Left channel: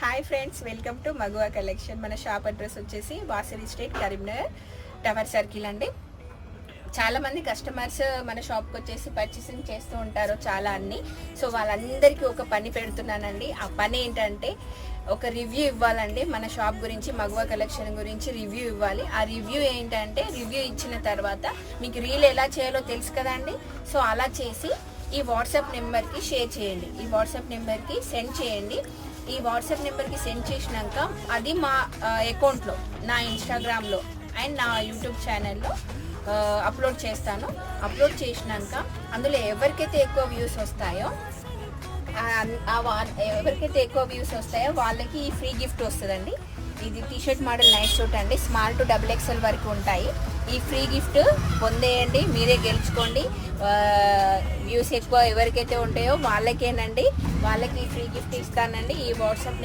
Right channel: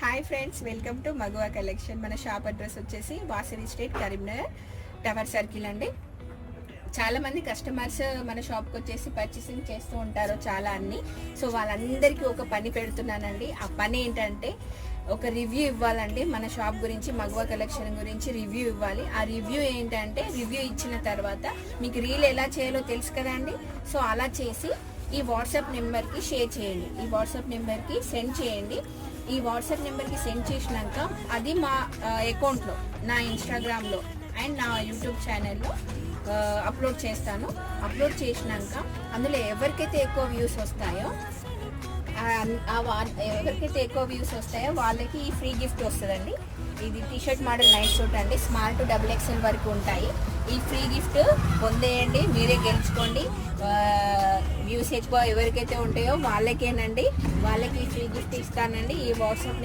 Hi friends, welcome to మగువా collection. మన shop address వచ్చేసి Vasavi street, Karimnagar, tower circle అండి. చాలా మంది కస్టమర్స్ మన షాప్కి వచ్చేసి పర్చేసింగ్ చేస్తూ ఉంటారు చాలా అన్ని. సో వాళ్ళందరికీ ఒక పని పెడుతున్నానండి. ఆ పని ఏంటంటే ఒక రివ్యూ ఇవ్వాలండి. మన షాప్ గురించి, మగువా కలెక్షన్ గురించి రివ్యూ ఇవ్వాలి. ఆ రివ్యూ ఏంటంటే, రివ్యూ ఇచ్చిన తర్వాత మీకు రీల్ ఎలా చేయాలో తెలుసు కదండి. సో అలా చేసి ఈ వాట్సాప్ నెంబర్కి షేర్ చేయండి, ఈ వాట్సాప్ నెంబర్కి సెండ్ చేయండి. ఈ వాట్సాప్ నెంబర్కి సెండ్ చేసినాక అది మా అకౌంట్లో, నా ఇన్స్టాగ్రామ్లో అండ్ నా యూట్యూబ్ ఛానల్లో అప్లోడ్ చేస్తాను. అప్లోడ్ చేసినాక అందులో ఎవరికైతే ఎక్కువ వ్యూస్ వస్తాయో వాళ్ళకి ఈ ఫ్రీ గిఫ్ట్ వస్తుందండి. ఇది టీషర్ట్ మోడల్ నైట్ సూట్ అండి. స్మాల్ టు XXL వరకు ఉంటాయి. ఈ ఫ్రీ గిఫ్ట్ పొందేయండి, మీరే గెలుచుకోండి. వ్యూస్ ఎక్కువ ఎవరికైతే ఉంటాయో వాళ్ళకేనండి, వాళ్ళకి ఫ్రీ గిఫ్ట్ ఇస్తానండి. ఈ వాట్సాప్